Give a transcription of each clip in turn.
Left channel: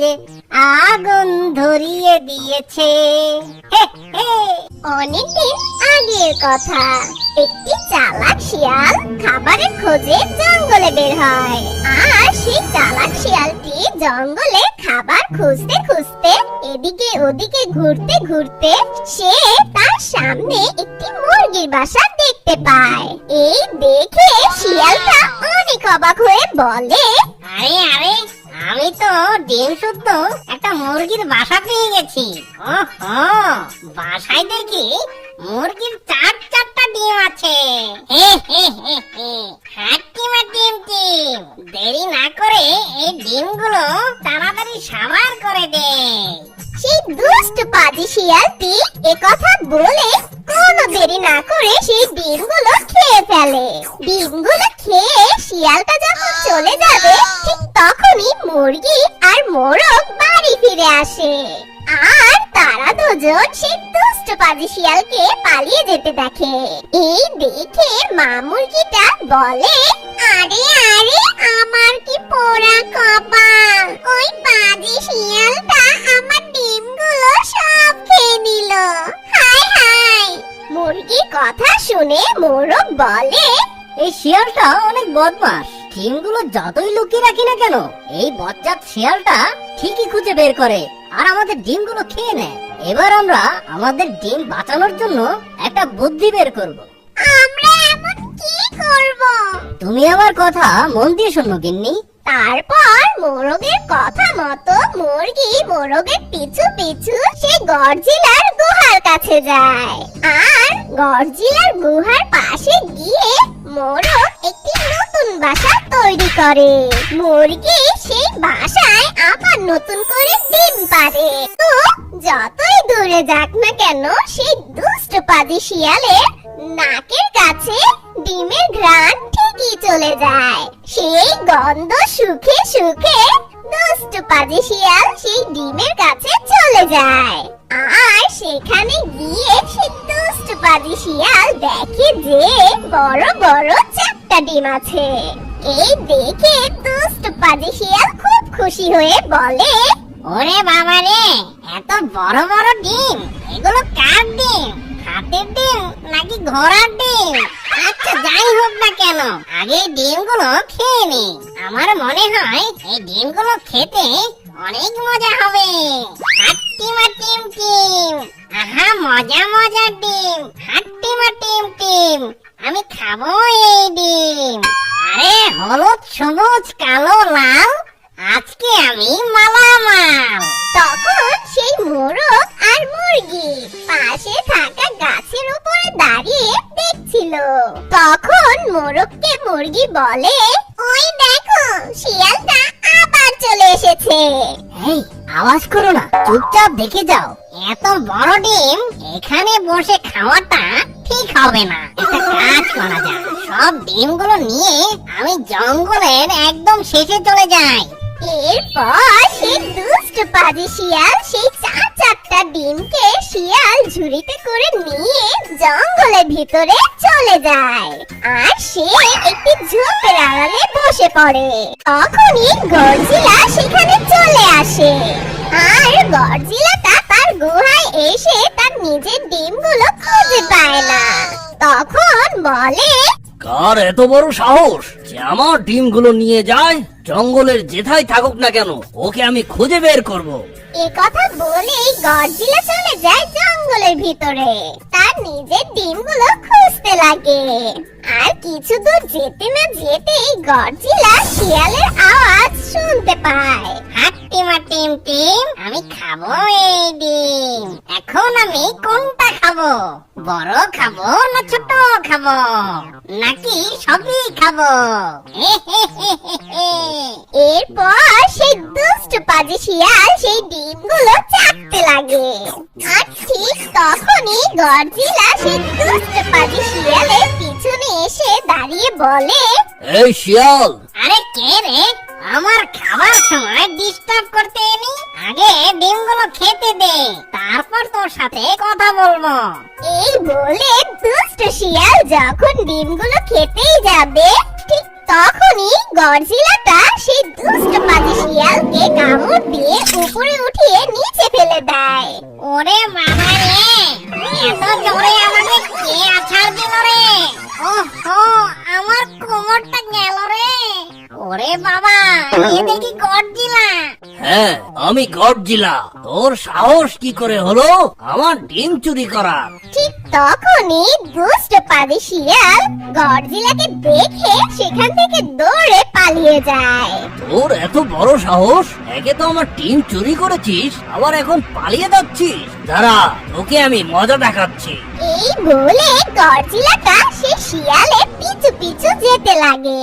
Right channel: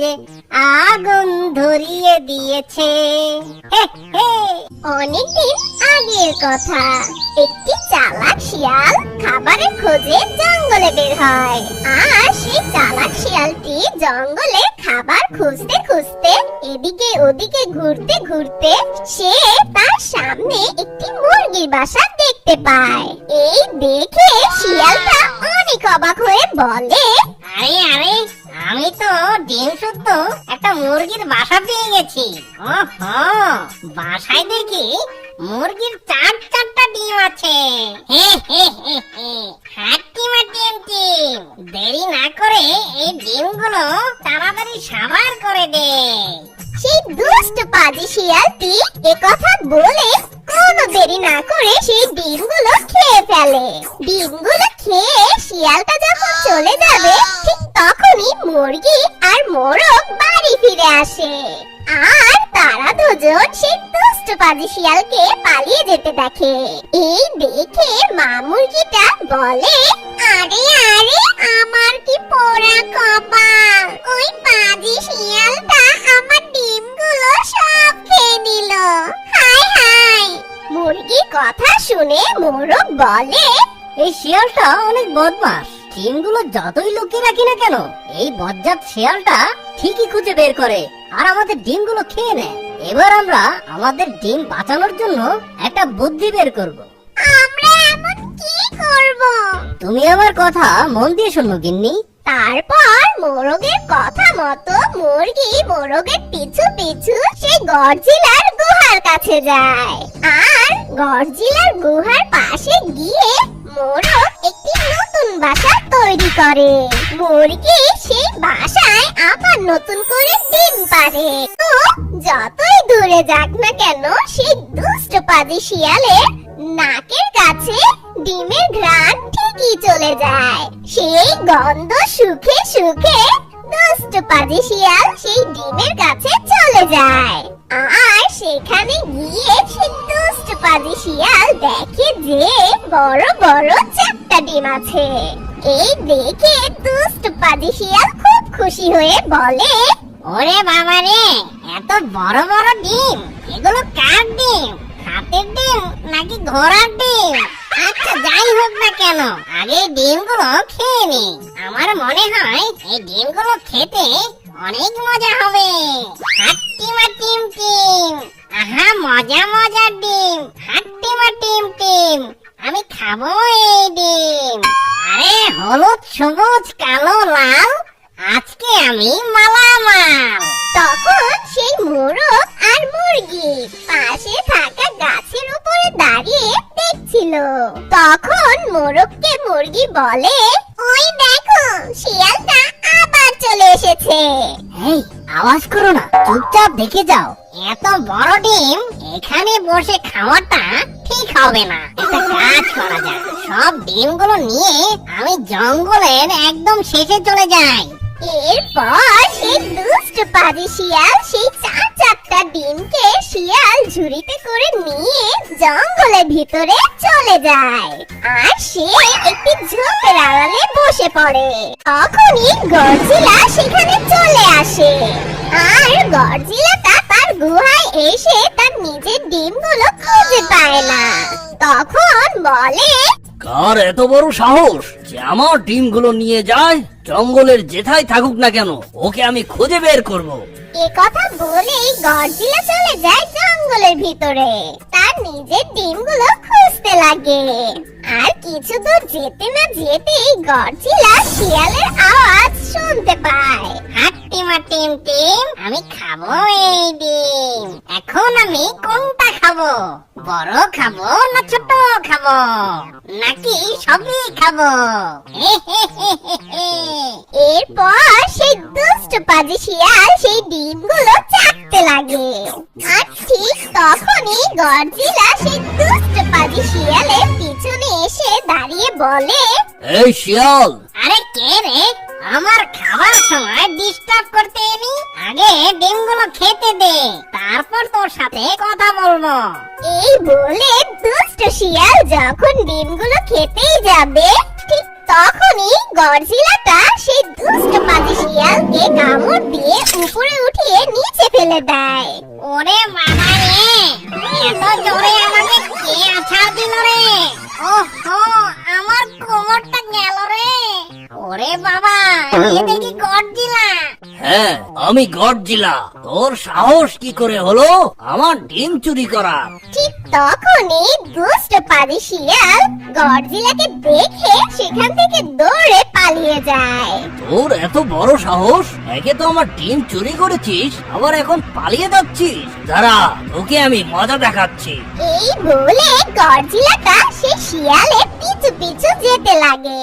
যে আগুন ধরিয়ে দিয়েছে। অনেকদিন আগের কথা, একটি চালাক শিয়াল খাবারের খোঁজে জঙ্গলে বের হয়। আর সেই চালাক শিয়ালটি জঙ্গলে খাবার খুঁজতে খুঁজতে এদিকে ওদিকে ঘুরতে ঘুরতে সে তার সামনে একটি মুরগির বাসা দেখতে পায়। এই দেখে শিয়ালটা অনেক অবাক হয়ে বলে, আরে আরে, আমি তো ডিম শুদ্ধ একটা মুরগির বাসা পেয়ে গেছি। ওহো, বাসায় দেখি মুরগির চারটা ডিম আছে। হে হে হে হে, হাট্টিমা টিম টিম, দেরি না করে এই ডিমগুলো তাড়াতাড়ি সাবার করে দে। সেই দুষ্ট পাজি শিয়ালটি একথা বলে কোনো দেরি না করে সেই ডিমগুলো খেয়ে ফেলে। ডিমগুলো খেয়ে শিয়ালটা যখন চলে যাবে ঠিক তখনই মুরগি আর মোরগ বাড়ি ফিরে আসে। আর তারা দুজন সেই দুষ্ট পাজি শিয়ালকে পালিয়ে যেতে দেখে। এই দেখে মা মুরগিটা বলে, আরে আরে, আমার কি পোড়া কপাল, ওই পাজি শিয়ালটা আমার ডিমগুলো সব খেয়ে নিল। হায় হায়। মুরগি কথা শুনে মোরগ বলে, এই শিয়ালটা অনেক বদমাস। ডিমগুলো যতই লুকিয়ে রাখি না কেন, এই বজ্জাত শিয়ালটা ঠিকই খুঁজে বের করে আর আমাদের ডিমগুলো খেয়ে নেয়। এবার আমরা আমাদের ডিম বাঁচানোর জন্য একটা বুদ্ধি বের করব। আমরা এমন কি করব? তুমি আমার কথা মন দিয়ে শোনো গিন্নি। তারপর মোরগের কথা মতো মুরগি মোরগের পিছু পিছু সেই গডজিলার গুহার কাছে যায়। আর গডজিলার গুহার পাশে গিয়ে মোরগ একটি নতুন বাসা তৈরি করে। মুরগি সেই বাসায় আবার নতুন করে ডিম পাড়ে। তো যতই দূরে যাক না কেন, সেই দুষ্ট পাজি শিয়ালের নাকের কাছে ডিমের ঘ্রাণ ঠিকই চলে যায়। সেই গন্ধ শুকে শুকে দুষ্ট পাজি শিয়াল সেই ডিমের কাছে চলে যায়। আর সেখানে গিয়ে সেই দুষ্ট পাজি শিয়াল দেখে যে বড় বড় 4টা ডিম আছে। এই দেখে দুষ্ট পাজি শিয়াল খুব খুশি হয়ে বলে, ওরে বাবা রে, এত বড় বড় ডিম, এগুলো কার ডিম? হাতের ডিম নাকি ঘোড়ার ডিম? আচ্ছা, যাই হোক না কেন, আগে এই ডিমগুলো খেয়ে নি। আমার মনে হয় এই ডিমগুলো খেতে অনেক মজা হবে। হাট্টিমা টিম টিম, আহা মজা মজার ডিম। হাট্টিমা টিম টিম, আমি খাবো এই ডিম। আরে হলুদ সবুজ কালো লাল, আজকে আমি মালামাল। তখন সেই মোরগ আর মুরগি পাশে থাকা গাছের উপরে দাঁড়িয়ে দেখছিল। তখন মোরগকে মুরগি বলে, ওই দেখো, শিয়ালটা আবার চলে এসেছে। এই, আওয়াজ করো না, চুপচাপ দেখে যাও। এত বড় ডিম এখানে বসে খাওয়াটা ঠিক হবে না। একটা কাজ করা যায়, সব ডিমগুলো নিয়ে আমি জঙ্গলের একদম শেষে চলে যাই। এরপর সেই দুষ্ট পাজি শিয়াল সেই 4টা ডিমকে শিয়াল ঝুড়িতে করে নিয়ে জঙ্গলের ভিতরে চলে যায়। আর সে একটি ঝোপের আড়ালে বসে পড়ে। তখনই গডজিলা সেখানে চলে আসে। আর গডজিলাটা তার গুহায় এসে তার নিজের ডিমগুলো খুঁজে পায় না। তখন বলে, কার এত বড় সাহস যে আমার ডিমগুলো নিয়ে যায়? জঙ্গলের যেথায় থাকুক না কেন, ওকে আমি খুঁজে বের করব। এ কথা বলে গডজিলা চলে যায় জঙ্গলের ভিতরে। তার নিজের ডিমগুলো খুঁজতে লাগে। আর কিছু দূর যেতে না যেতেই গডজিলা শিয়ালের আওয়াজ শুনতে পায়। হাট্টিমা টিম টিম, আমি খাবো এই ডিম। এখন আমি কোনটা খাবো? বড় খাবো না ছোট খাবো, নাকি সবই খাবো? এরপর সেই দুষ্ট পাজি শিয়াল সেই ডিমগুলো চাটতে লাগে। আর ঠিক তখনই গডজিলা সেই দুষ্ট পাজি শিয়ালের পিছনে এসে দাঁড়িয়ে বলে, এই শিয়াল, আরে কে রে? আমার খাওয়ার সময় ডিস্টার্ব করতে এলি? আগে ডিমগুলো খেতে দে, তারপর তোর সাথে কথা বলবো। এই বলে দুষ্ট শিয়াল যখন ডিমগুলো খেতেই যাবে ঠিক তখনই গডজিলাটা সেই দুষ্ট পাজি শিয়ালকে কামড় দিয়ে হ্যাঁ, আমি গডজিলা। তোর সাহস কি করে হলো আমার ডিম চুরি করার? ঠিক তখনই দুষ্ট পাজি শিয়াল গডজিলাকে দেখে সেখান থেকে দৌড়ে পালিয়ে যায়। তোর এত বড় সাহস! একে তো আমার ডিম চুরি করেছিস, আবার এখন পালিয়ে যাচ্ছিস। দাঁড়া, তোকে আমি মজা দেখাচ্ছি। এই বলে গডজিলাটা সে শিয়ালের পিছু পিছু যেতে লাগে।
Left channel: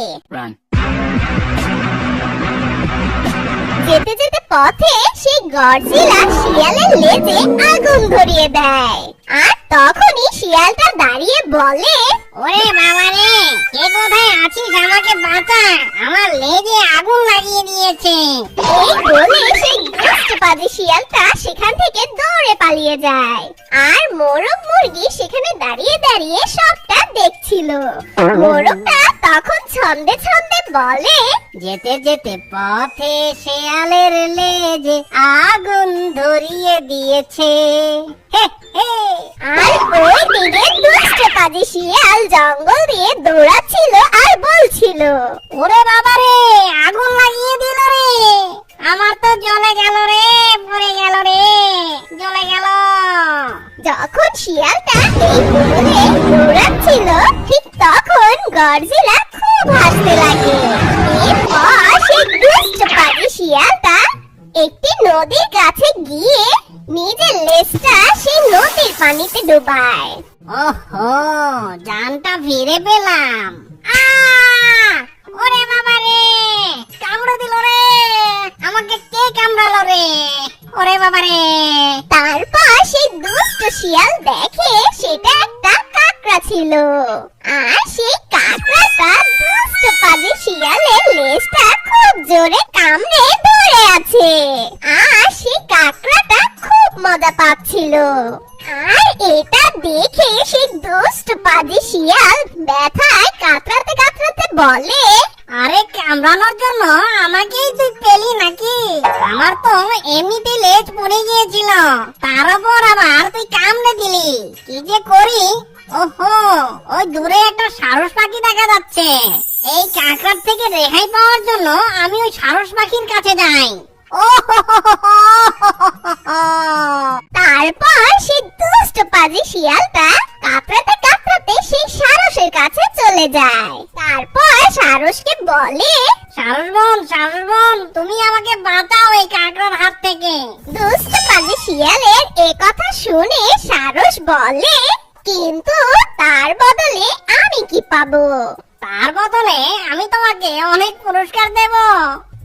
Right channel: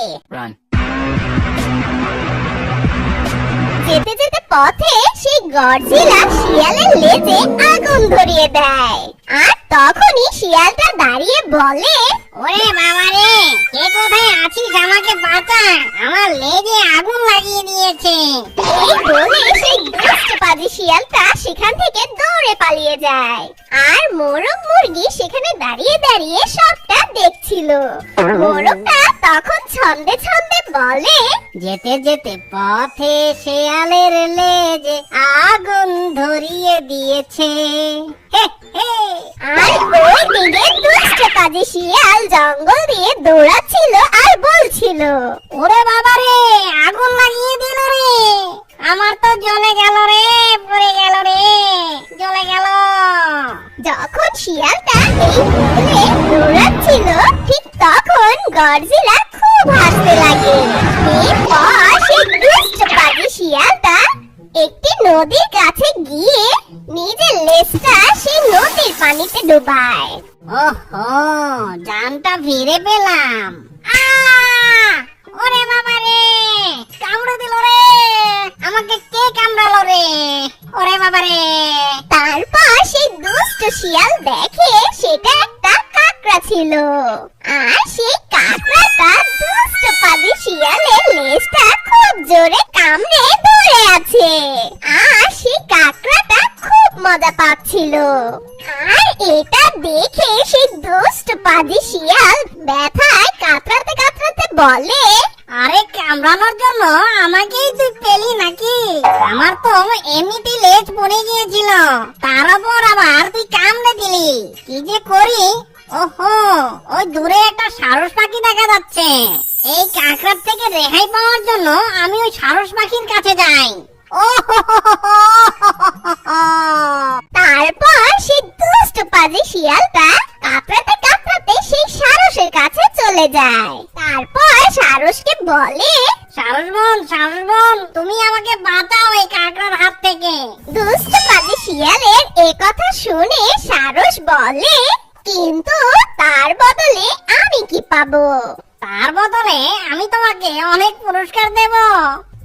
যেতে যেতে পথে সেই গডজিলা শিয়ালের লেজে আগুন ধরিয়ে দেয়। আর তখনই শিয়ালটা দাঁড়িয়ে বলে, ওরে বাবা রে, কে কোথায় আছিস? আমাকে বাঁচা, আমার লেজে আগুন লাগিয়ে দিয়েছে। এই বলে সেই দুষ্টপাজি শিয়ালটা সেখান থেকে দৌড়ে পালিয়ে যায়। আর মোরগ মুরগি সেখানে দাঁড়িয়ে দাঁড়িয়ে সবটা দেখছিল। মোরগটা তখন ছন্দে ছন্দে বলে, যেতে যেতে পথে শেয়ালের লেজে আগুন ধরিয়ে দিয়েছে। হে হে। আর ওই দিকে দুষ্টপাজি শিয়াল জঙ্গল দিয়ে দৌড়াচ্ছিল আর বলছিল, ওরে বাবা রে, আগুন লাগিয়ে দিল রে, আমার তো জ্বলে গেল রে, পড়ে গেল রে, জ্বলে গেল। যখন শিয়ালটা এই বলে দৌড়াচ্ছিল ঠিক তখন গডজিলা খুব হাসতে লাগে। এরপর সেই দুষ্টপাজি শিয়ালটা একটি নদীর কাছে গিয়ে নিজের লেজটা সেই নদীর পানিতে ডুবায়। ওহো, জানটা ফিরে পেলাম। আহ! ওরে বাবা রে, কামড়ে দিল রে, আমাকে কে কামড়ালো রে? ওরে বাবা রে। তারপর সেই দুষ্ট শিয়াল দেখে সেটা একটা কাকড়া ছিল। আর সেই কাকড়াটা দুষ্টপাজি শিয়ালের লেজটা খুব জোরে কামড়ে ধরে আছে। আর সেই কাকড়াটা খুব মজা পাচ্ছিল। আর এটা দেখে সেই দুষ্টপাজি শিয়াল ব্যথায় কাতরাতে কাতরাতে বলে, আরে কামড়ানোর জন্য আমাকেই তুই পেলি নাকি? আমার তো এমনিতেই লেজ পড়ে গিয়েছিল, তার উপর আবার তুই কামড়ে দিলি। কি যে করি। ওহো, ওই দূরে একটা সারস পাখি দেখা যাচ্ছে। এই কাকড়ার থেকে রেহাই পাওয়ার জন্য আমি ওই সারস পাখির কাছে যাই। ও হো হো হো হো হো হো হো। তারপর সেই দুষ্টপাজি শিয়ালটা কাতরাতে কাতরাতে সেই সারসের কাছে চলে যায়। তারপর সারসকে বলে, সারস বোন, তুমি আমাকে বাঁচাও এই কাকড়ার হাত থেকে। দুষ্টপাজি শিয়ালের এ কথা শুনে সারস বলে, কিন্তু তার বদলে আমি কি পাবো? তার বদলে আমি তোমাকে অনেক পুরস্কার দেব।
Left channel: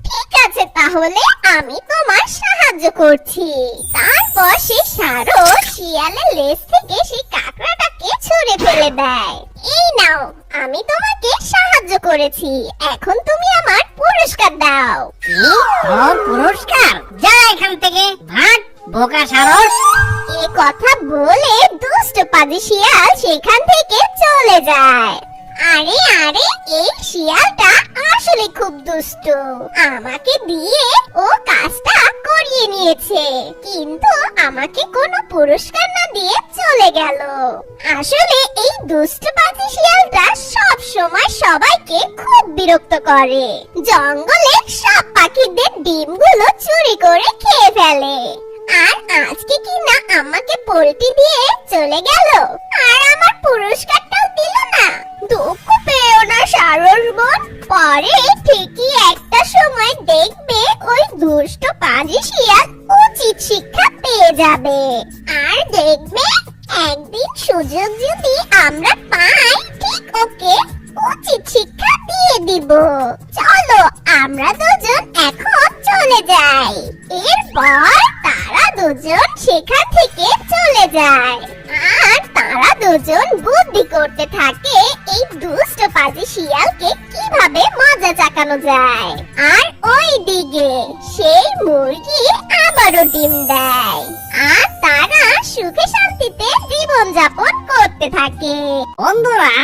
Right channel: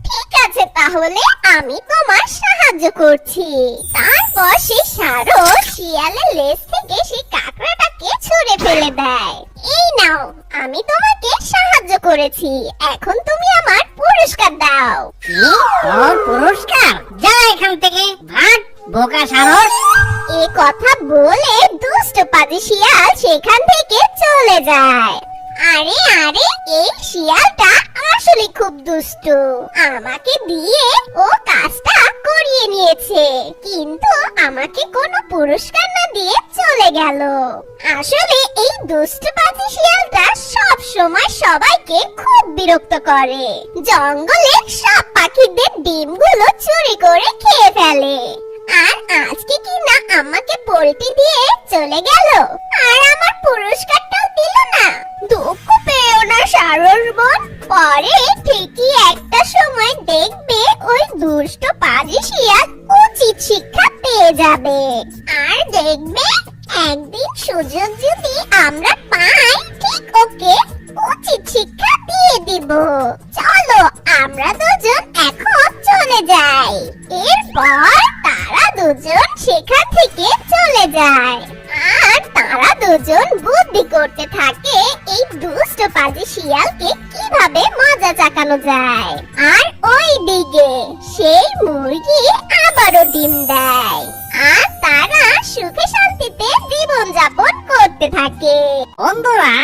ঠিক আছে, তাহলে আমি তোমার সাহায্য করছি। তারপর সেই সারস শিয়ালের লেজ থেকে সেই কাকড়াটাকে ছুঁড়ে ফেলে দেয়। এই নাও, আমি তোমাকে সাহায্য করেছি, এখন তুমি আমার পুরস্কার দাও। কি? তোর পুরস্কার? যা এখান থেকে, ভাগ বোকা সারস। এ কথা বলে দুষ্টপাজি শিয়াল সেখান থেকে চলে যায়। আরে আরে, এই শিয়ালটা আসলে খুব দুষ্টু। আমাকে দিয়ে ও কাজটা করিয়ে নিয়েছে, কিন্তু আমাকে কোনো পুরস্কার না দিয়ে চলে গেল। আসলে এই দুষ্টপাজি শিয়ালটা সব সময় সবাইকে খুব বিরক্ত করে। জঙ্গলে সব পাখিদের ডিমগুলো চুরি করে খেয়ে ফেলে। আর আজকে কি না আমাকে পোল্টি দিয়ে চলে গেল, আর আমার পুরস্কারটাও দিল না। দুঃখ পেও না সারস বোন, পরে ঠিকই একটা সময় দেখবে ওই দুষ্ট পাজি শিয়াল উচিত শিক্ষা পেয়ে যাবে। আর দেখবে একদিন সুযোগ যদি আমরা পাই, ঠিক ওকে উচিত শিক্ষা দিয়ে দিব। চলো আমরা দুজন এখন চলে যাই। এরপর তারা দুজন সেখান থেকে চলে যায়। আর তারা দুজন বুদ্ধি করতে থাকে এই দুষ্ট পাজি শিয়ালকে কিভাবে মজা চাকানো যায়। আর ওই দিকে সেই মুরগি আবারও ডিম দেয়। আর তারা সুখে শান্তিতে জীবন যাপন করতে থাকে। বন্ধুরা,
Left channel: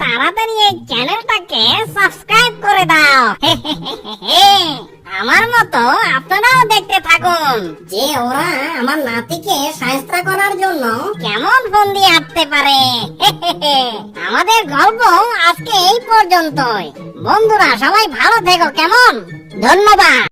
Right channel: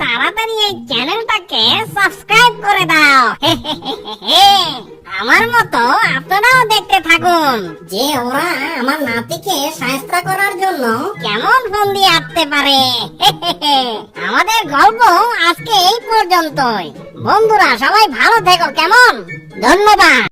তাড়াতাড়ি এই চ্যানেলটাকে সাবস্ক্রাইব করে দাও। আমার মতো আপনারাও দেখতে থাকুন যে ওরা আমার নাতিকে শায়েস্তা করার জন্য কেমন ফন্দি আঁটতে পারে। আমাদের গল্প আজকে এই পর্যন্তই। বন্ধুরা, সবাই ভালো থেকো, কেমন? ধন্যবাদ।